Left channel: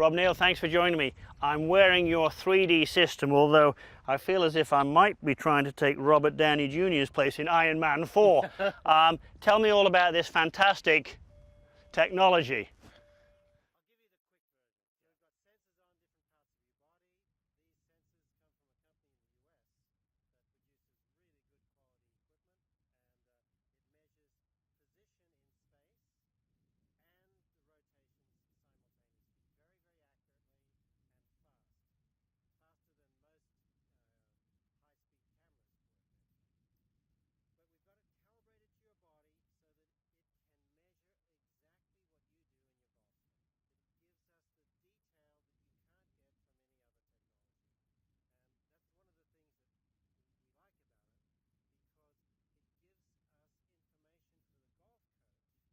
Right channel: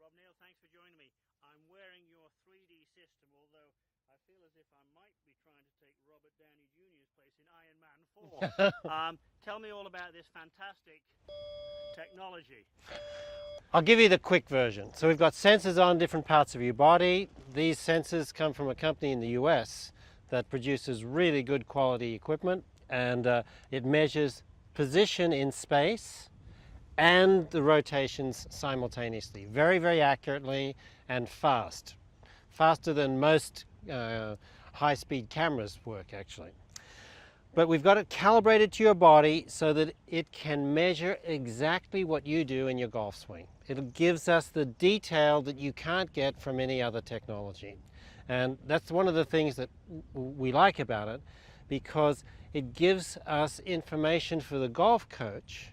Rob Neal, thanks for joining me. I'm wearing your 3D system, although I feel as if I might be trying to take Robert Downey Jr.'s place in Iron Man 4. Tell me all about this fantastic technology. I'll give you the quick version. So we've got sensors on different parts of your body. These sensors come from a company in the US that produces really good quality equipment, and it measures position in space and the rotations simultaneously, very, very accurately and fast. Faster than most high-speed cameras work, actually. But we've got it calibrated to your body so that it can measure exactly what you do in your golf swing. It gives us the detail that you can't get from any other technology. And that's one of the things that we like about it, because it gives us information for the golf coach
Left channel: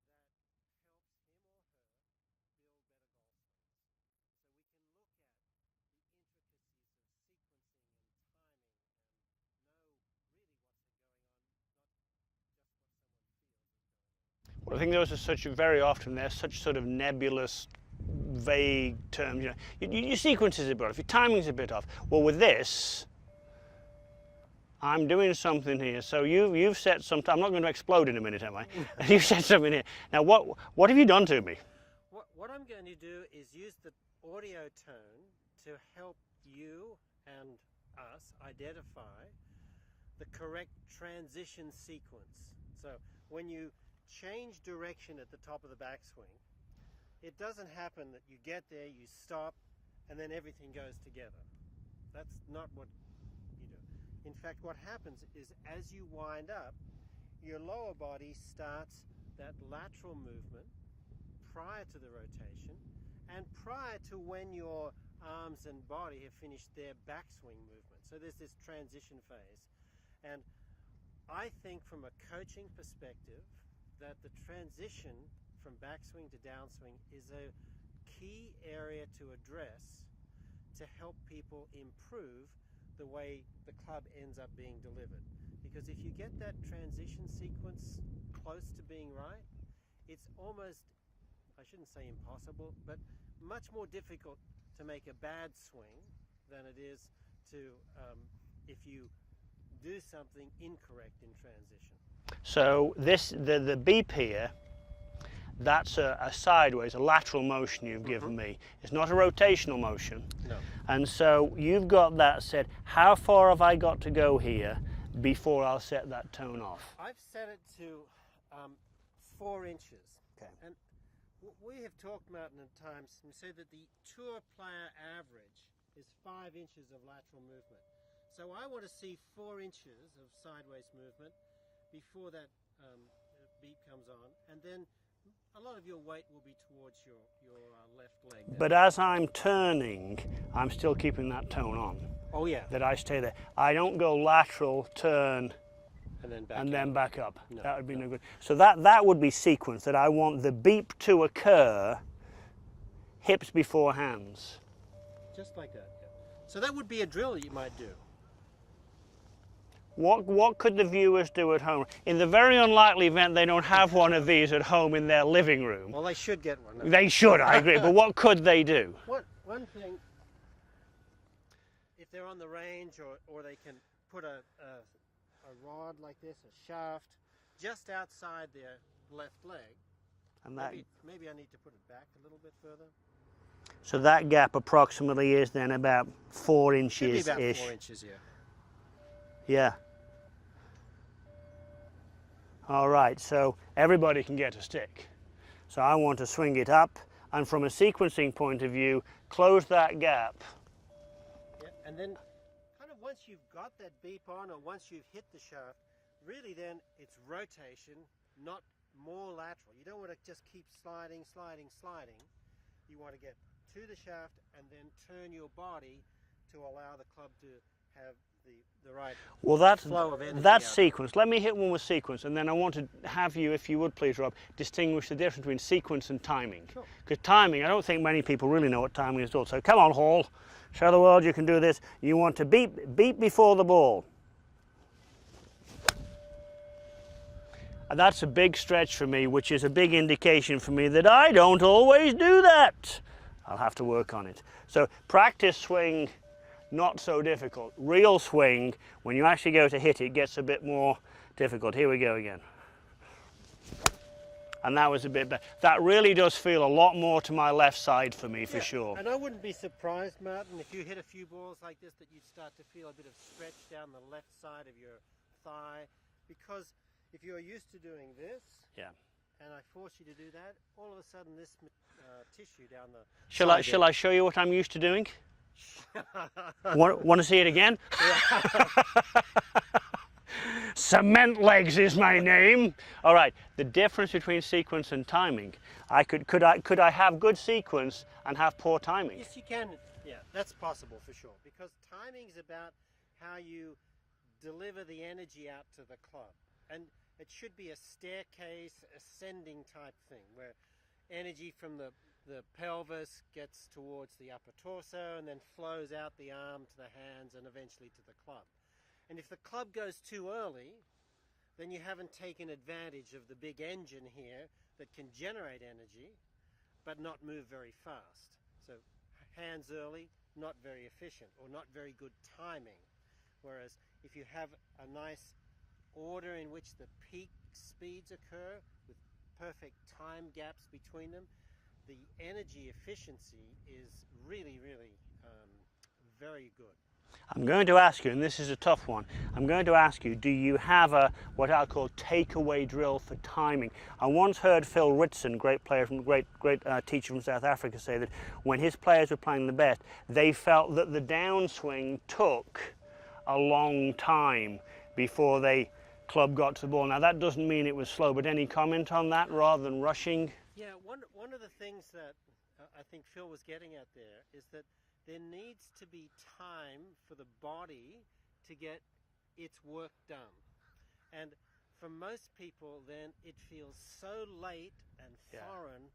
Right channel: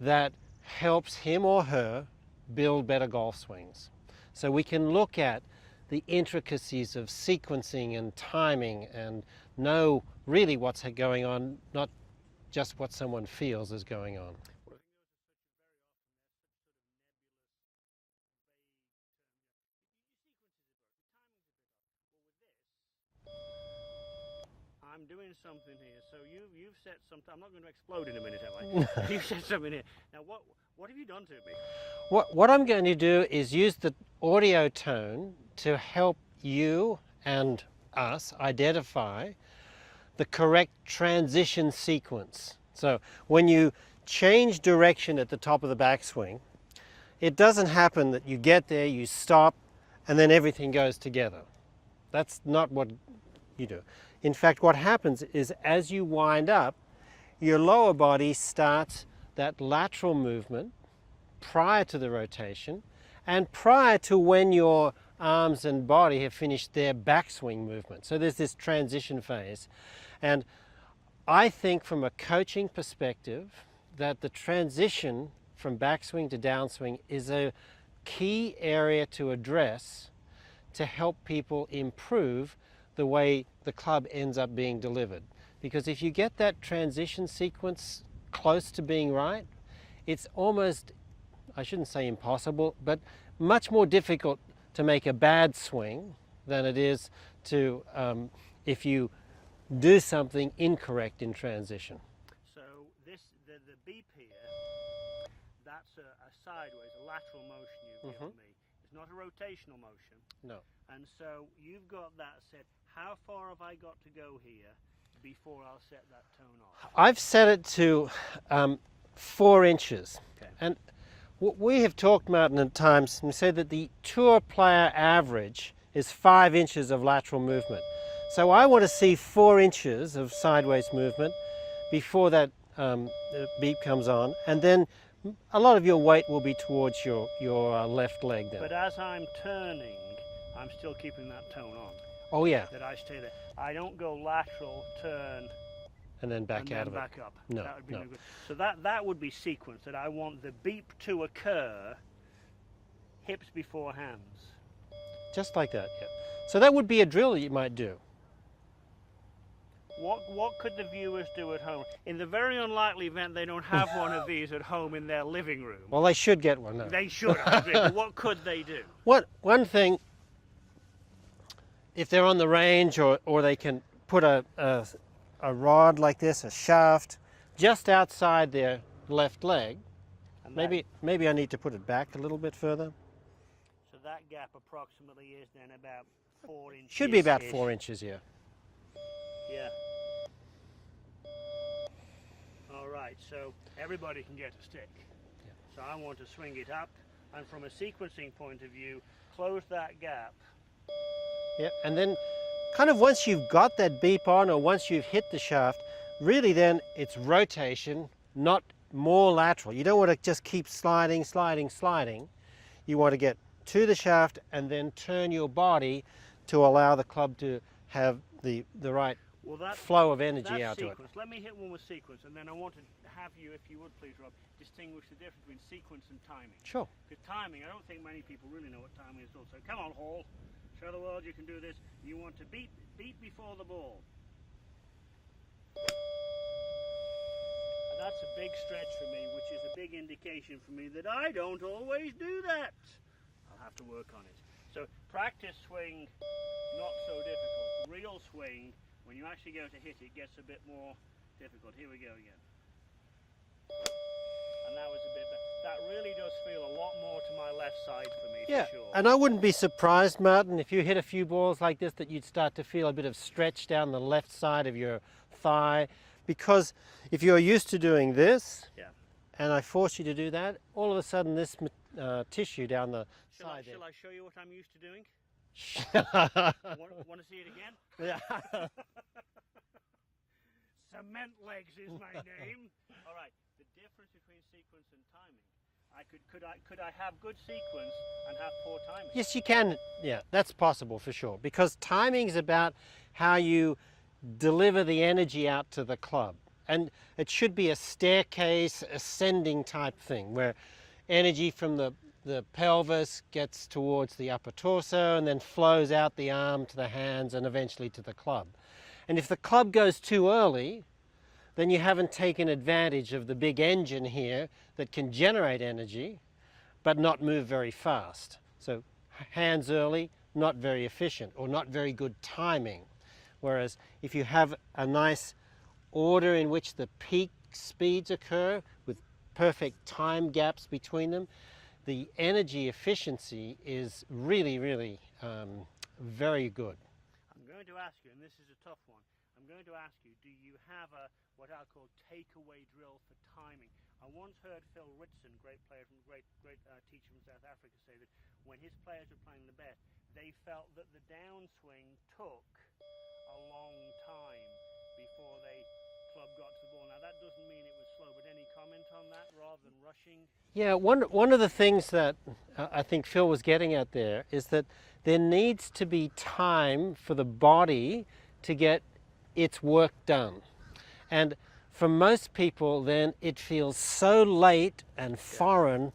that helps him or her build better golf swings. So we can look at the intricacies of sequencing and timing and know really what's going on, not just what someone feels is going on. Well, I think those are very often, they're such sort of nebulous, vague terms. Your sequence is a bit off, your timing's a bit off. Well, with this, I'm doing something here. So you've set some, I'm not going to explode in a minute, am I? You've set something here. Now, what have you done to me? What I'm going to do is use the audio tone to help you and us identify the correct transition sequence. So when you change direction at the top of the backswing, it doesn't happen that you get there, you stop, and then everything goes together. That's not what you do. In fact, what happens is as you wind up, your lower body starts that lateral movement prior to the rotation and prior to when your arms and body have finished their backswing movement. So there's this transition phase. And I think from a coaching perspective that the transition from backswing to downswing is a key area to address to help people improve the way the club ends up being delivered. Because if you get that transition sequence close to being right, it's almost, I shouldn't say impossible, but much more difficult to make a bad swing than it is to if you do something incorrect in transition. So the beep here, that's a sideways, a lateral motion you've given me. It's not a rotational motion. No. And so you've got that set. How far have I got to go here before I'll set that tone off? I've set it to 4 inches. Okay. And what we have talked about at times, we said that the tour player average is 5 inches of lateral movement. So I want to see 4 inches of sideways movement before that beep comes on, and then a lot of your weight will be towards your left leg then. But as I'm turning, I'm still keeping that tone on. Oh yeah. That I stay there. I don't go lateral, turn, and then back, and then back up. No, that would be no. no good. So that would be sequence, that I want the beep to occur hips before hands. Just like that, yeah. So that would be a drill that you might do. What could the viewers do at home? In the very unlikely event they don't have one of these at home in their living room. Well, they should get one. They should, I agree, but what could they do? One thing, if they're on the range or they can put a rod like this, a shaft, just outside their left leg. And Maybe I need to put it back a little bit further. So that gap approximately is then about 4 inches. Should be about 4 inches, yeah. Yeah. All right, so everybody can get a stick. So I want to swing it up, and from a sequencing point of view, close that gap. Yeah, and then kind of once you've got that beep on, or once you've hit the shaft, really then it's rotation, not more lateral. You don't want to just keep sliding, sliding, sliding. You want to get to the shaft and then turn your body to allow the club to have the right flow of energy. That sequence, let me hit one with sequence, and then I want to have you, if you would please, Rob, distinguish the difference between sequence and timing. Sure. Because timing, I don't think many people really know what timing is at all. So come on, Hall, show the world you can do this. You want to beep before the ball. And that's a big stretch for me, which is a big indication for me that I don't always do that. I'll have to work on it. So practice swing, not so difficult. Real swing, when you actually go to hit it, gets a bit more difficult. Here we go again. And that was a bit better. That really does feel a lot more to my left side for me, for sure. And I wouldn't be surprised, Martin, if you hit a few balls like this, that you'd start to feel a bit of stretch down the left side of your thigh, because if you're used to doing this, and I force you to do that, all of a sudden this tissue down the Shall I show you what I'm used to doing? Want to see it again? Cement legs is my name. All right, the difference between sequence and timing. Could I have good sequence and have poor timing? Yes, you can. Yeah, that's possible for sure, because timing is about how you deliver the energy out to the club. And it should be a staircase ascending type thing, where energy from the pelvis gets towards the upper torso and then flows out the arm to the hands and eventually to the club. And if the club goes too early, then you haven't taken advantage of the big engine here that can generate energy but not move very fast. So hands early, not very efficient or not very good timing. Whereas if you have a nice order in which the peak speeds occur with perfect time gaps between them, the energy efficiency is really, really very good. I'm going to ask you, and this is a tough one, I'm going to ask you, do you have what I'll call takeaway drill for timing? I once heard Phil Ritson, great player from great teacher from South Africa, say that when his players were playing the best, they felt that the downswing took a long time before they club got to the ball. Now that doesn't mean it was slow, but any comment on that rather than rushing? Yeah, one of the things that I think Phil was getting at there is that there needs to be time for the body to get its work done. And for most people then it feels so late and foreign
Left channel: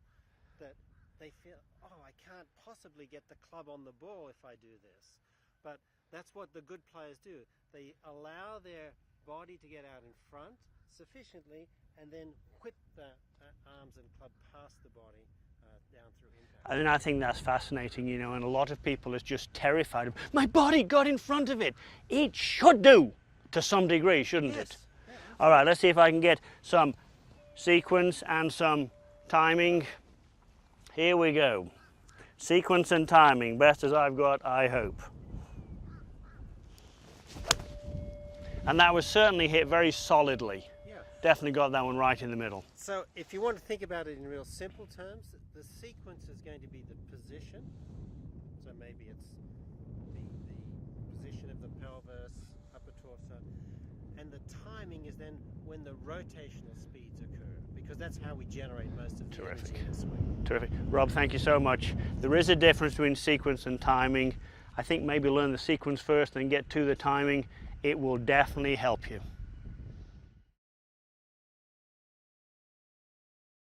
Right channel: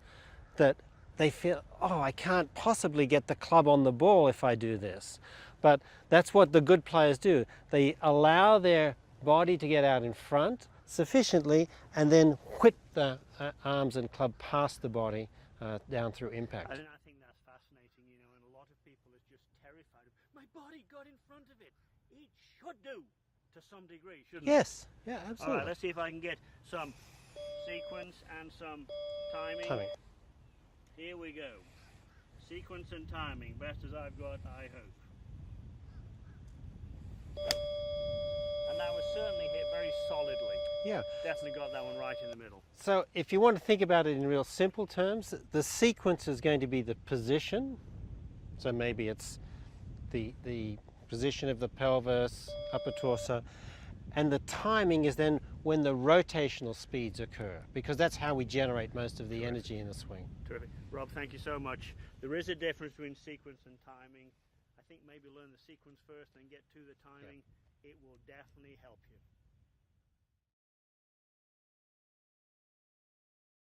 that they feel, oh, I can't possibly get the club on the ball if I do this. But that's what the good players do. They allow their body to get out in front sufficiently and then whip the arms and club past the body down through impact. And I think that's fascinating, you know, and a lot of people is just terrified of, my body got in front of it. It should do to some degree, shouldn't it? Yes. Yeah, absolutely. All right, let's see if I can get some sequence and some timing. Here we go. Sequence and timing, best as I've got, I hope. And that was certainly hit very solidly. Yeah. Definitely got that one right in the middle. So if you want to think about it in real simple terms, the sequence is going to be the position. So maybe it's the position of the pelvis, upper torso, and the timing is then when the rotational speeds occur, because that's how we generate most of the energy in a swing. Terrific. Rob, thank you so much. There is a difference between sequence and timing. I think maybe learn the sequence first and get to the timing. It will definitely help you.